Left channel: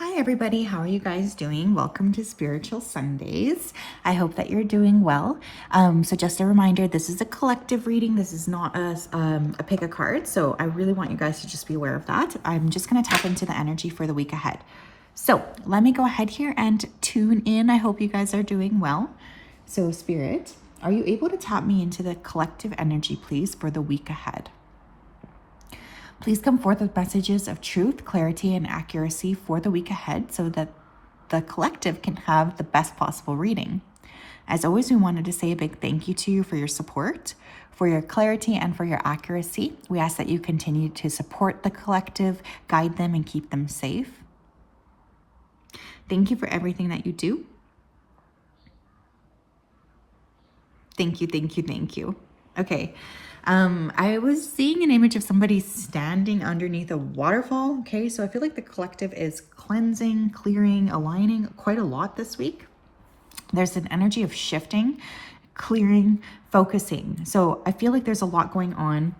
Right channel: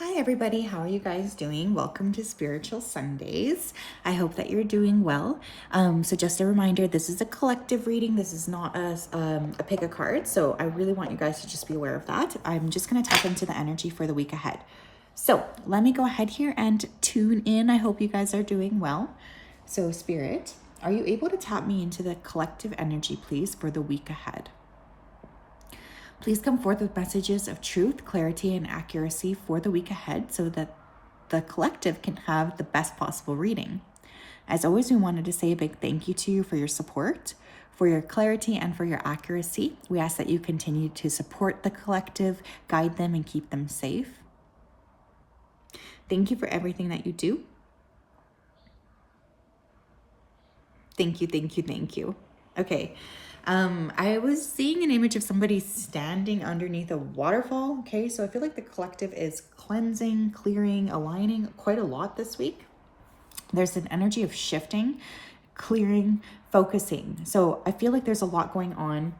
Hi everybody, how are you guys doing? Welcome to Spiritual Sundays. I hope that you're doing well. So just a reminder, this is a collective reading. This is not a pick a card. So I really want you guys to just be aware of that. I'm just going to tap into the energy for the week ahead. So let me go ahead here and tune in. I hope you guys are doing well. So Spirit, are you able to tap me into the collective energy, please, for the week ahead? Please come forth with messages of truth, clarity, and accuracy for the week ahead so that the collective can have the best possible reading. As always, we wanted to say a big thank you to you for your support, for your clarity, and for your accuracy. We ask that you continue to support the collective, guide them, and keep them safe. Thank you for everything that you do. Thank you, thank you, thank you. Okay. I was seeing an image of somebody standing underneath a waterfall. Okay, so I feel like the collective is cleansing, clearing, aligning quite a lot this week. There's an energy of shifting, clearing, focusing. So I feel like there's a lot going on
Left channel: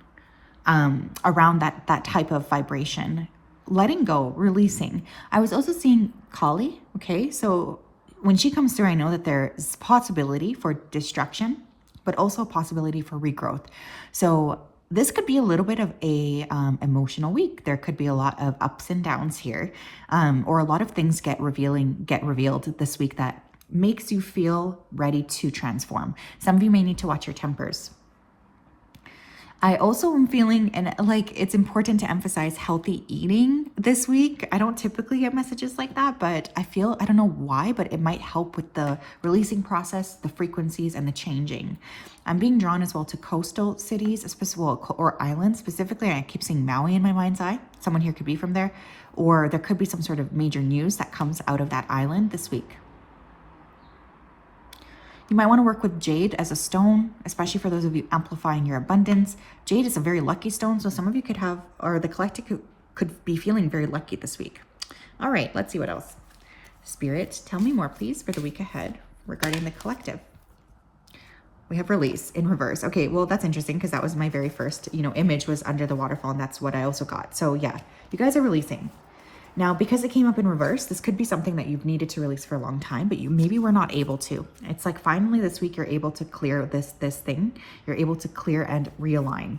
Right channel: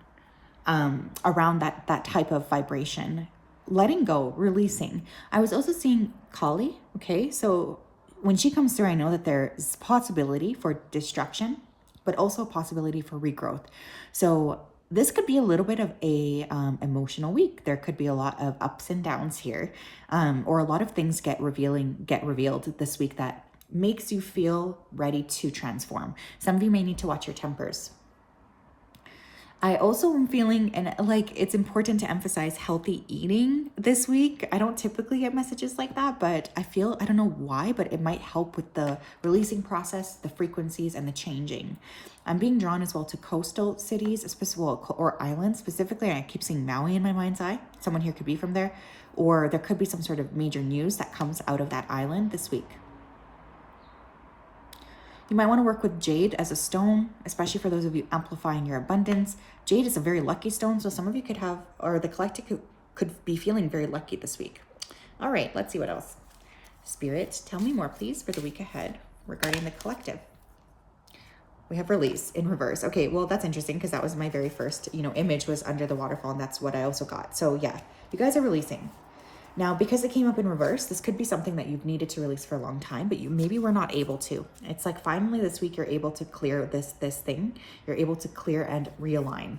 around that type of vibration. Letting go, releasing. I was also seeing Kali. Okay, so when she comes through, I know that there's possibility for destruction, but also a possibility for regrowth. So this could be a little bit of a emotional week. There could be a lot of ups and downs here, or a lot of things get revealed this week that makes you feel ready to transform. Some of you may need to watch your tempers. I also am feeling, and like it's important to emphasize healthy eating this week. I don't typically get messages like that, but I feel, I don't know why, but it might help with the releasing process, the frequencies, and the changing. I'm being drawn as well to coastal cities, or islands specifically. I keep seeing Maui in my mind's eye. Someone here could be from there, or there could be some sort of major news that comes out of that island this week. You might want to work with jade as a stone, especially for those of you amplifying your abundance. Jade is a very lucky stone, so some of you could have, or the collective could be feeling very lucky this week. All right, let's see what else. Spirit, tell me more, please, for the week ahead regarding the collective. We have release in reverse. Okay, well, that's interesting because that was my very first, image was under the waterfall, and that's what I also got. So yeah, you guys are releasing. Now, because it came up in reverse, this could be something that you've needed to release for a long time, but you maybe were not able to. It's like finally this week you're able to clear this thing. You're able to clear and realign.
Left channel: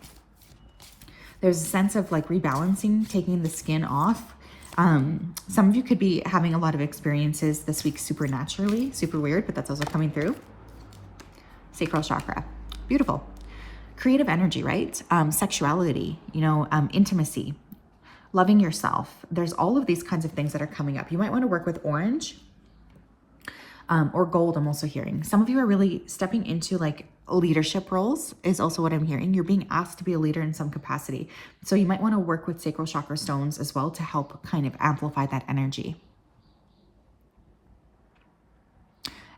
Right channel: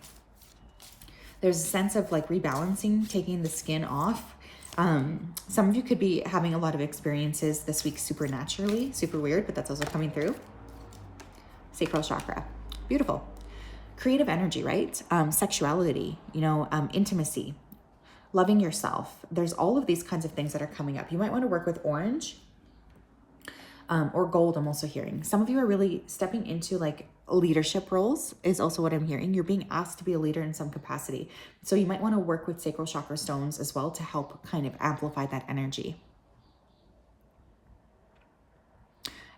There's a sense of like rebalancing, taking the skin off. Some of you could be having a lot of experiences this week supernaturally, super weird, but that's also coming through. Sacral chakra. Beautiful. Creative energy, right? Sexuality, intimacy. Loving yourself. There's all of these kinds of things that are coming up. You might want to work with orange or gold. I'm also hearing. Some of you are really stepping into like leadership roles is also what I'm hearing. You're being asked to be a leader in some capacity. So you might want to work with sacral chakra stones as well to help kind of amplify that energy.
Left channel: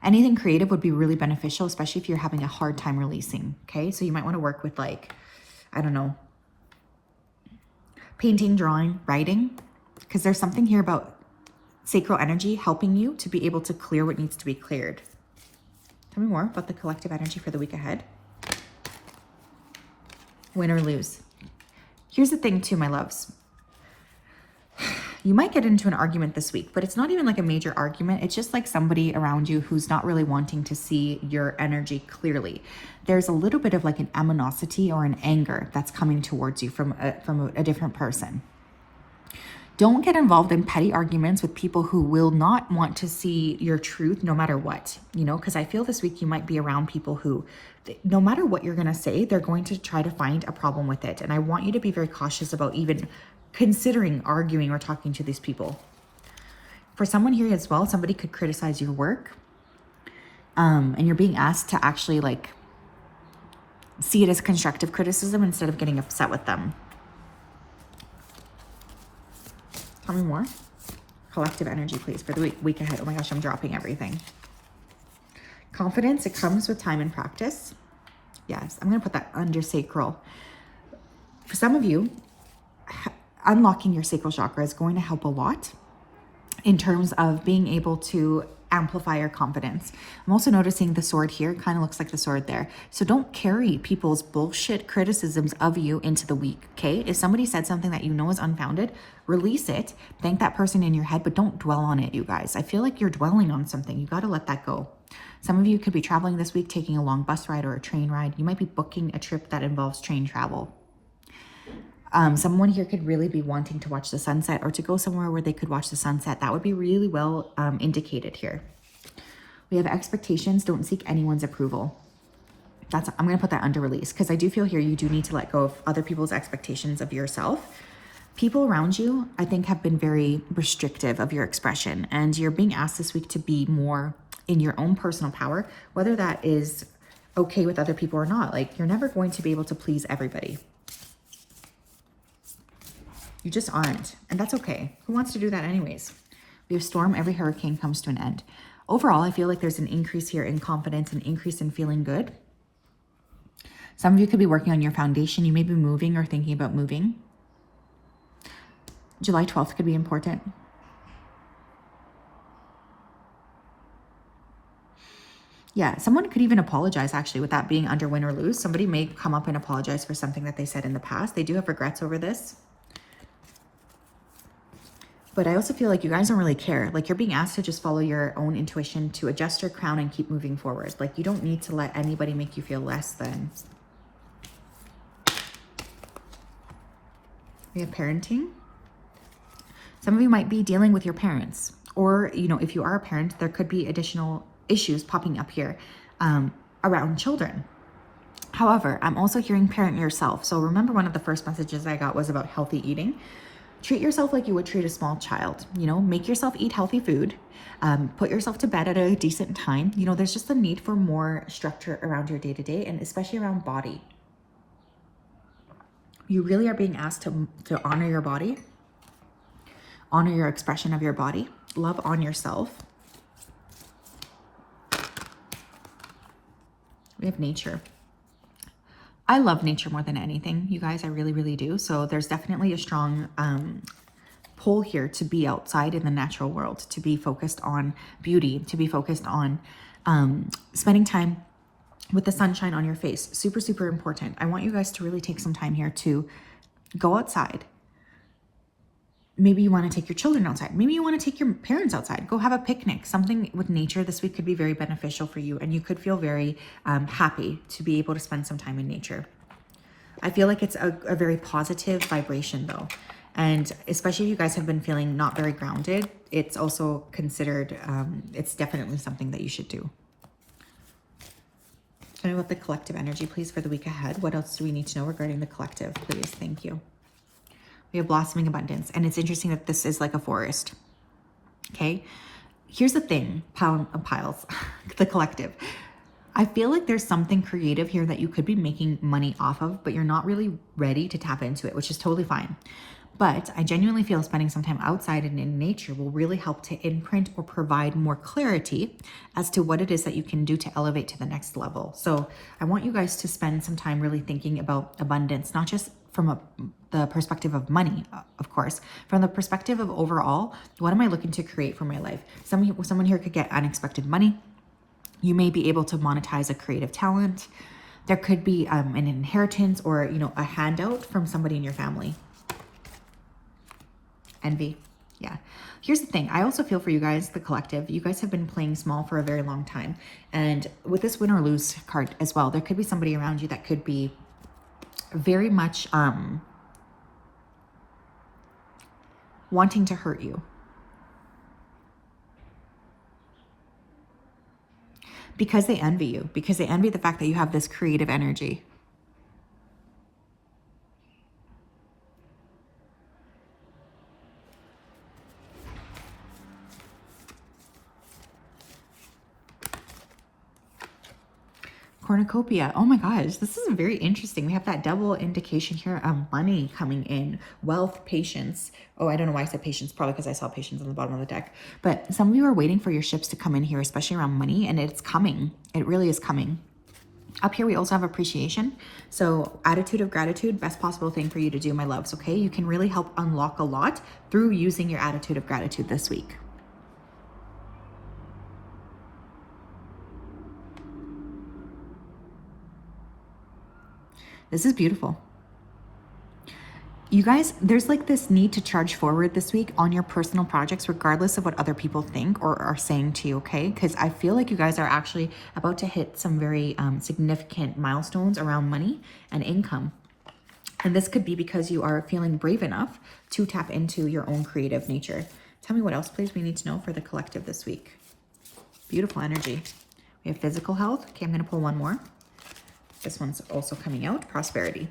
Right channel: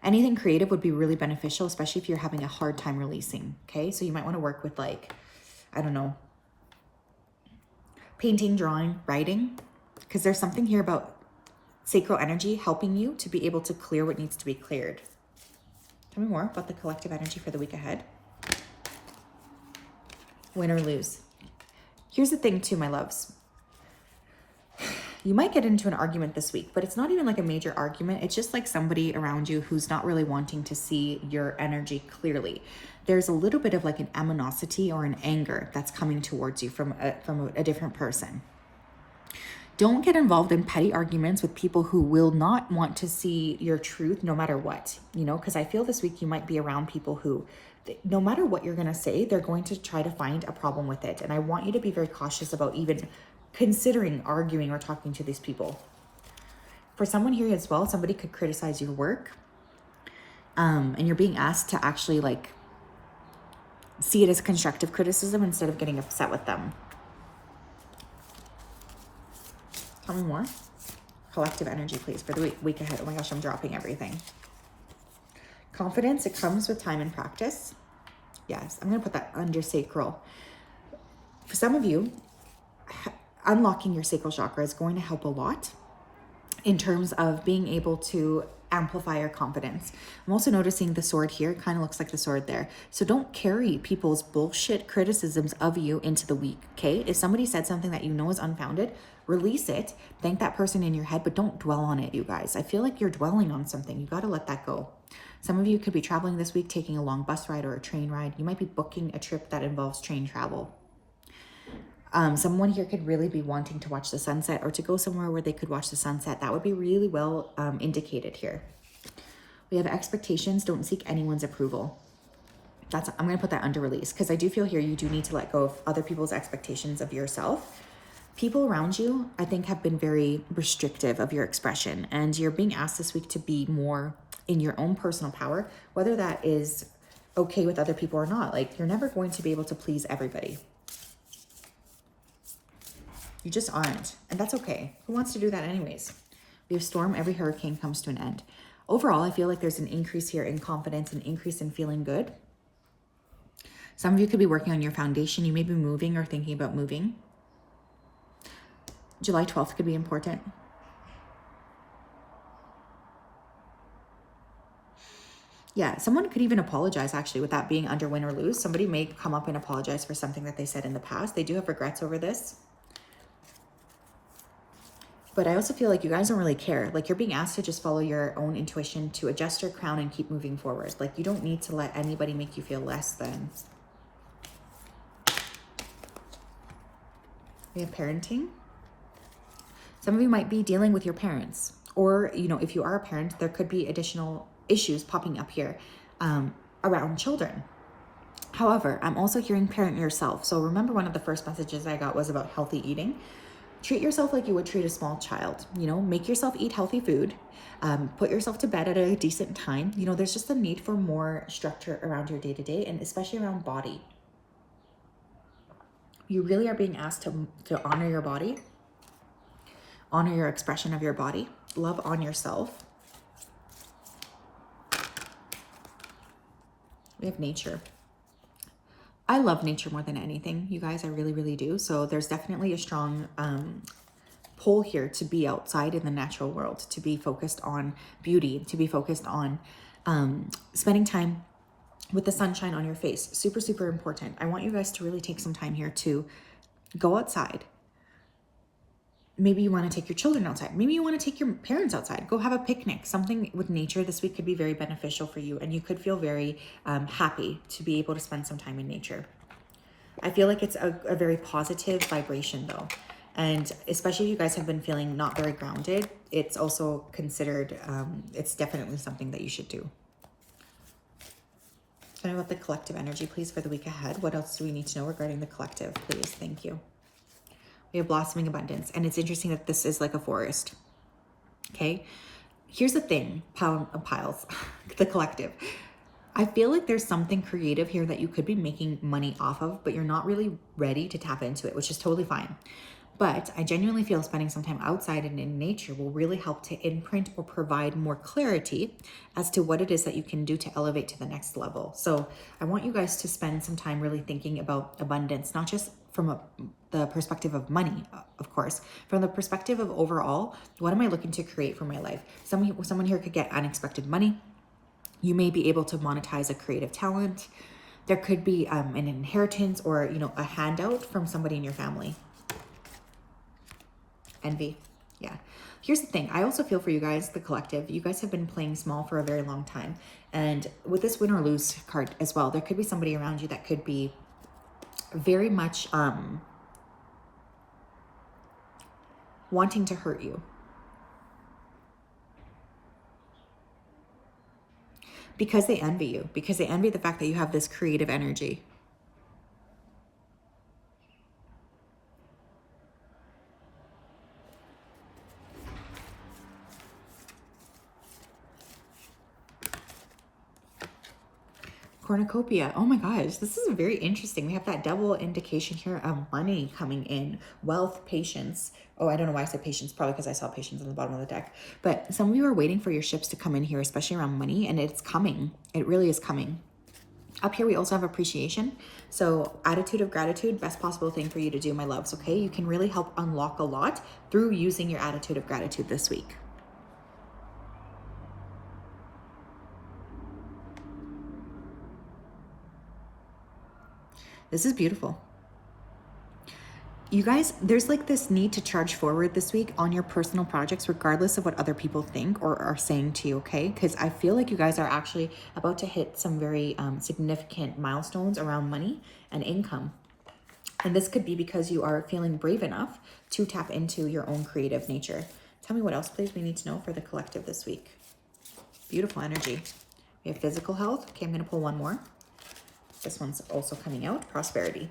Anything creative would be really beneficial, especially if you're having a hard time releasing. Okay. So you might want to work with like, I don't know, painting, drawing, writing, because there's something here about sacral energy helping you to be able to clear what needs to be cleared. Tell me more about the collective energy for the week ahead. Win or lose. Here's the thing too, my loves. You might get into an argument this week, but it's not even like a major argument. It's just like somebody around you who's not really wanting to see your energy clearly. There's a little bit of like an animosity or an anger that's coming towards you from a different person. Don't get involved in petty arguments with people who will not want to see your truth no matter what, because I feel this week you might be around people who, no matter what you're going to say, they're going to try to find a problem with it. And I want you to be very cautious about even considering arguing or talking to these people. For someone here as well, somebody could criticize your work, and you're being asked to actually like see it as constructive criticism instead of getting upset with them. Tell me more. Collective energy, please, for the week ahead. Oh my gosh, I'm dropping everything. Confidence, it comes with time and practice. Yes, I'm going to put that under sacral. For some of you, unlocking your sacral chakra is going to help a lot. in terms of being able to amplify your confidence. I'm also noticing the sword here kind of looks like the sword there. So don't carry people's bullshit criticisms of you into the week, okay? If somebody said something that you know is unfounded, release it, thank that person in your head, but don't dwell on it, you guys. I feel like you're dwelling on something. You got to let that go. Some of you could be traveling this week, taking a long bus ride or a train ride. You might be booking a trip that involves train travel. Someone here could really be wanting to watch the sunset or to go somewhere where they could watch the sunset. That would be really well indicated here. We have expectations. Don't seek anyone's approval. I'm going to put that under release because I do feel here you do need to let go of other people's expectations of yourself. People around you, I think, have been very restrictive of your expression, and you're being asked this week to be more in your own personal power, whether that is okay with other people or not. Like, you're never going to be able to please everybody. You just aren't, and that's okay. Who wants to do that anyways? We have storm, every hurricane comes to an end. Overall, I feel like there's an increase here in confidence, an increase in feeling good. Some of you could be working on your foundation. You may be moving or thinking about moving. July 12th could be important. Yeah, someone could even apologize, actually, with that being under win or lose. Somebody may come up and apologize for something that they said in the past. They do have regrets over this. But I also feel like you guys don't really care. Like, you're being asked to just follow your own intuition, to adjust your crown and keep moving forward. Like, you don't need to let anybody make you feel less than. We have parenting. Some of you might be dealing with your parents. Or, you know, if you are a parent, there could be additional issues popping up here around children. However, I'm also hearing parent yourself. So remember, one of the first messages I got was about healthy eating. Treat yourself like you would treat a small child. You know, make yourself eat healthy food. Put yourself to bed at a decent time. You know, there's just a need for more structure around your day-to-day, and especially around body. You really are being asked to honor your body, honor your expression of your body, love on yourself. We have nature. I love nature more than anything, you guys. I really, really do. So there's definitely a strong pull here to be outside in the natural world, to be focused on beauty, to be focused on spending time with the sunshine on your face. Super, super important. I want you guys to really take some time here to go outside. Maybe you want to take your children outside. Maybe you want to take your parents outside. Go have a picnic. Something with nature this week could be very beneficial for you, and you could feel very happy to be able to spend some time in nature. I feel like it's a very positive vibration though. And especially if you guys have been feeling not very grounded, it's also considered, it's definitely something that you should do. Tell me about the collective energy, please, for the week ahead. What else do we need to know regarding the collective, please? Thank you. We have blossoming abundance, and it's interesting that this is like a forest. Okay, here's the thing, piles, the collective. I feel like there's something creative here that you could be making money off of, but you're not really ready to tap into it, which is totally fine. But I genuinely feel spending some time outside and in nature will really help to imprint or provide more clarity as to what it is that you can do to elevate to the next level. So I want you guys to spend some time really thinking about abundance, not just from the perspective of money, of course, from the perspective of overall, what am I looking to create for my life? Someone here could get unexpected money. You may be able to monetize a creative talent. There could be an inheritance or, you know, a handout from somebody in your family. Envy. Yeah. Here's the thing. I also feel for you guys, the collective. You guys have been playing small for a very long time. And with this win or lose card as well, there could be somebody around you that could be very much wanting to hurt you. Because they envy you. Because they envy the fact that you have this creative energy. Cornucopia. Oh my gosh, this is very interesting. We have that double indication here of money coming in, wealth, patience. Oh, I don't know why I said patience, probably because I saw patience on the bottom of the deck. But some of you are waiting for your ships to come in here, especially around money, and it's coming. It really is coming. Up here, we also have appreciation. So attitude of gratitude, best possible thing for you to do, my loves, okay? You can really help unlock a lot through using your attitude of gratitude this week. This is beautiful. You guys, there's like this need to charge forward this week on your personal projects, regardless of what other people think or are saying to you, okay? Because I feel like you guys are actually about to hit some very significant milestones around money and income. And this could be because you are feeling brave enough to tap into your own creative nature. Tell me what else, please, we need to know for the collective this week. Beautiful energy. We have physical health. Okay, I'm going to pull one more. This one's also coming out. Prosperity.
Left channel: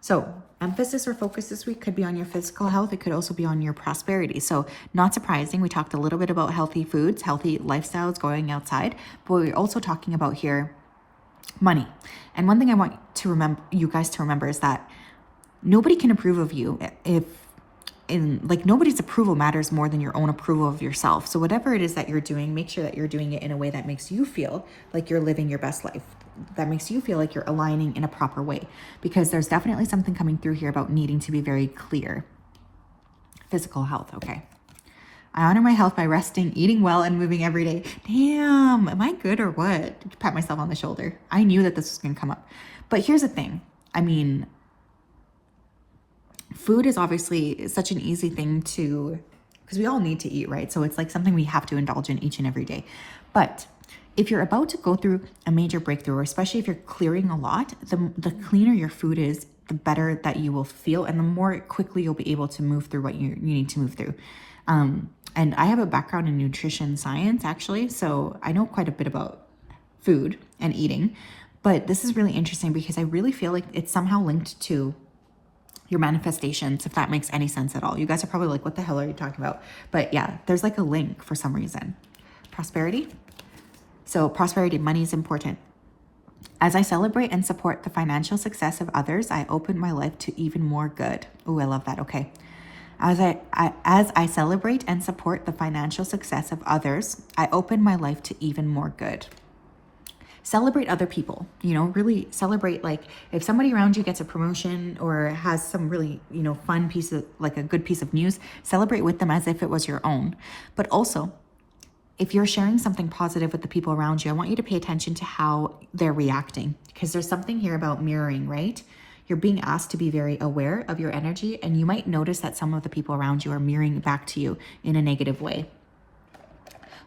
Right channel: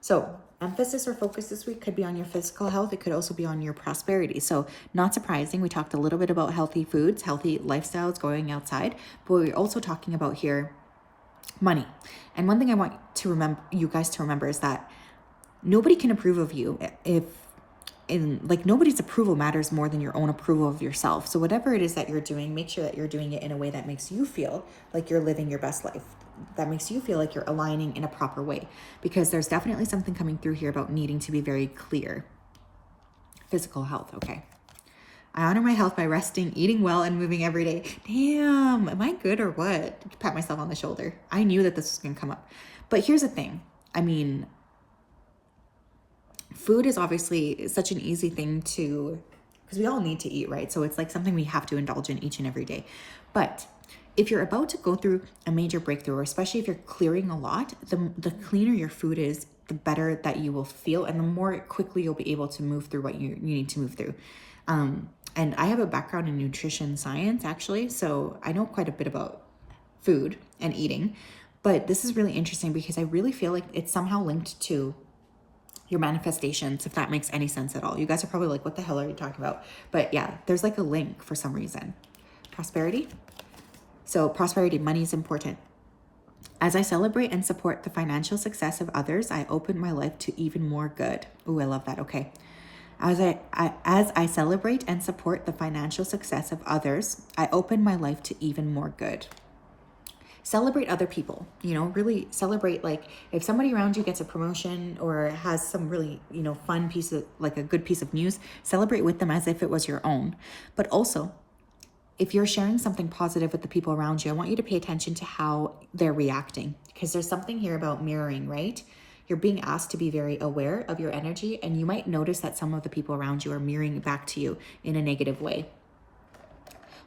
So emphasis or focus this week could be on your physical health. It could also be on your prosperity. So not surprising. We talked a little bit about healthy foods, healthy lifestyles, going outside, but we're also talking about here money. And one thing I want to remember, you guys to remember, is that nobody can approve of you if nobody's approval matters more than your own approval of yourself. So whatever it is that you're doing, make sure that you're doing it in a way that makes you feel like you're living your best life, that makes you feel like you're aligning in a proper way, because there's definitely something coming through here about needing to be very clear. Physical health. Okay. I honor my health by resting, eating well, and moving every day. Damn, am I good or what? Pat myself on the shoulder. I knew that this was going to come up. But here's the thing. I mean, food is obviously such an easy thing to, because we all need to eat, right? So it's like something we have to indulge in each and every day. But if you're about to go through a major breakthrough, or especially if you're clearing a lot, the cleaner your food is, the better that you will feel, and the more quickly you'll be able to move through what you need to move through. And I have a background in nutrition science, actually, so I know quite a bit about food and eating. But this is really interesting because I really feel like it's somehow linked to your manifestations, if that makes any sense at all. You guys are probably like, what the hell are you talking about? But yeah, there's like a link for some reason. Prosperity. So prosperity, money is important. As I celebrate and support the financial success of others, I open my life to even more good. Ooh, I love that. Okay. As I celebrate and support the financial success of others, I open my life to even more good. Celebrate other people, really celebrate. Like if somebody around you gets a promotion or has some really, fun piece of, like a good piece of news, celebrate with them as if it was your own. But also, if you're sharing something positive with the people around you, I want you to pay attention to how they're reacting, because there's something here about mirroring, right? You're being asked to be very aware of your energy, and you might notice that some of the people around you are mirroring back to you in a negative way.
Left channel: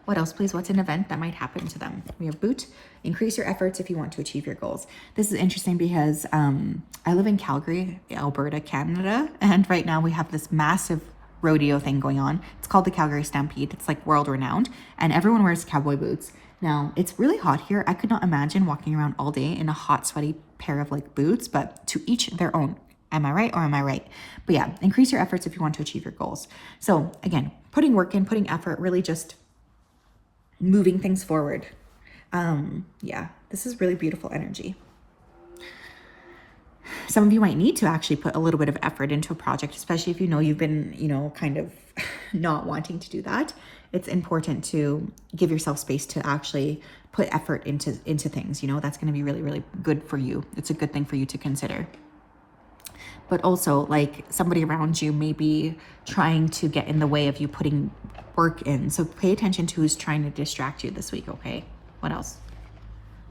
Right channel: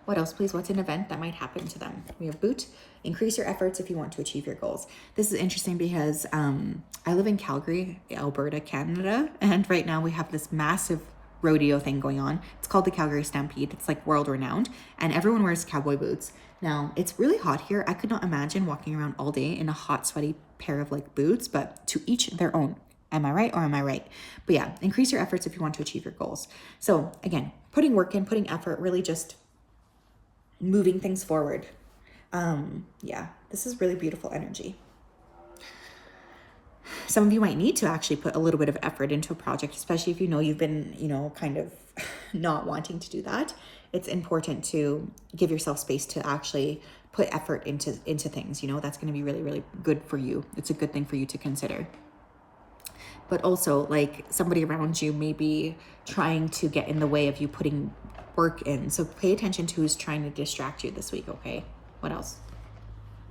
What else, please? What's an event that might happen to them? We have boot. Increase your efforts if you want to achieve your goals. This is interesting because I live in Calgary, Alberta, Canada, and right now we have this massive rodeo thing going on. It's called the Calgary Stampede. It's like world renowned, and everyone wears cowboy boots. Now, it's really hot here. I could not imagine walking around all day in a hot, sweaty pair of like boots, but to each their own. Am I right or am I right? But yeah, increase your efforts if you want to achieve your goals. So again, putting work in, putting effort, really just moving things forward. Yeah, this is really beautiful energy. Some of you might need to actually put a little bit of effort into a project, especially if you've been, kind of not wanting to do that. It's important to give yourself space to actually put effort into things. That's going to be really, really good for you. It's a good thing for you to consider. But also, like, somebody around you may be trying to get in the way of you putting work in. So pay attention to who's trying to distract you this week, okay? What else?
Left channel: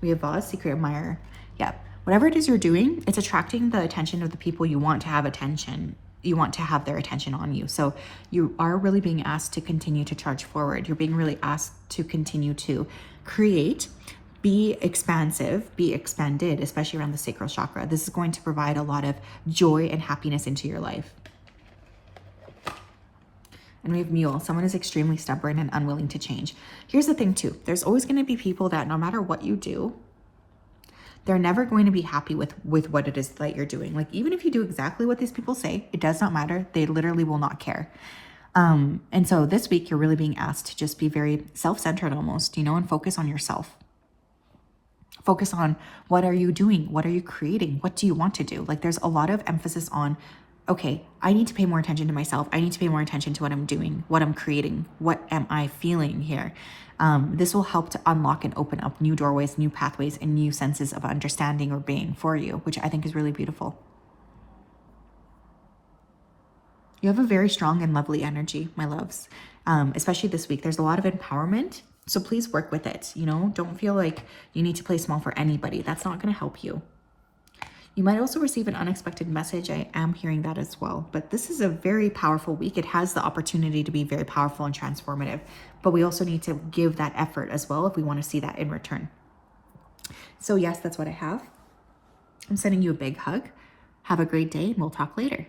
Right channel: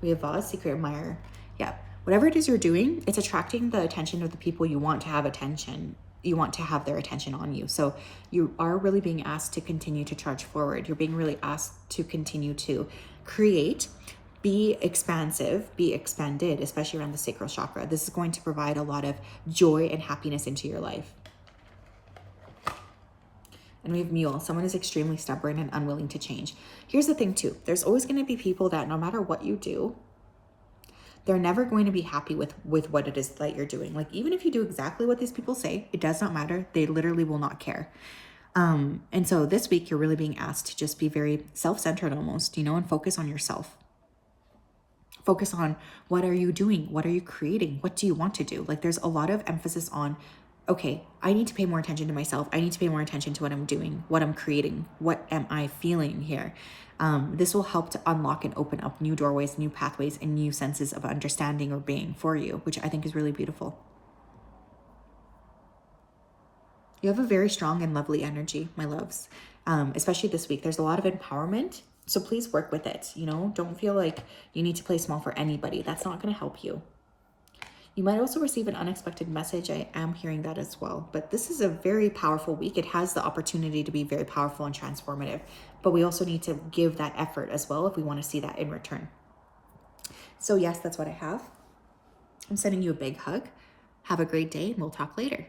We have Vase, Secret Admirer. Yeah. Whatever it is you're doing, it's attracting the attention of the people you want to have attention. You want to have their attention on you. So you are really being asked to continue to charge forward. You're being really asked to continue to create, be expansive, be expanded, especially around the sacral chakra. This is going to provide a lot of joy and happiness into your life. And we have Mule. Someone is extremely stubborn and unwilling to change. Here's the thing too. There's always going to be people that no matter what you do, they're never going to be happy with what it is that you're doing. Like, even if you do exactly what these people say, it does not matter. They literally will not care. And so this week, you're really being asked to just be very self-centered almost, and focus on yourself. Focus on what are you doing? What are you creating? What do you want to do? Like, there's a lot of emphasis on, okay, I need to pay more attention to myself. I need to pay more attention to what I'm doing, what I'm creating. What am I feeling here? This will help to unlock and open up new doorways, new pathways, and new senses of understanding or being for you, which I think is really beautiful. You have a very strong and lovely energy, my loves, especially this week. There's a lot of empowerment, so please work with it. Don't feel like you need to play small for anybody. That's not going to help you. You might also receive an unexpected message. I am hearing that as well. But this is a very powerful week. It has the opportunity to be very powerful and transformative. But we also need to give that effort as well if we want to see that in return. So yes, that's what I have. I'm sending you a big hug. Have a great day, and we'll talk later.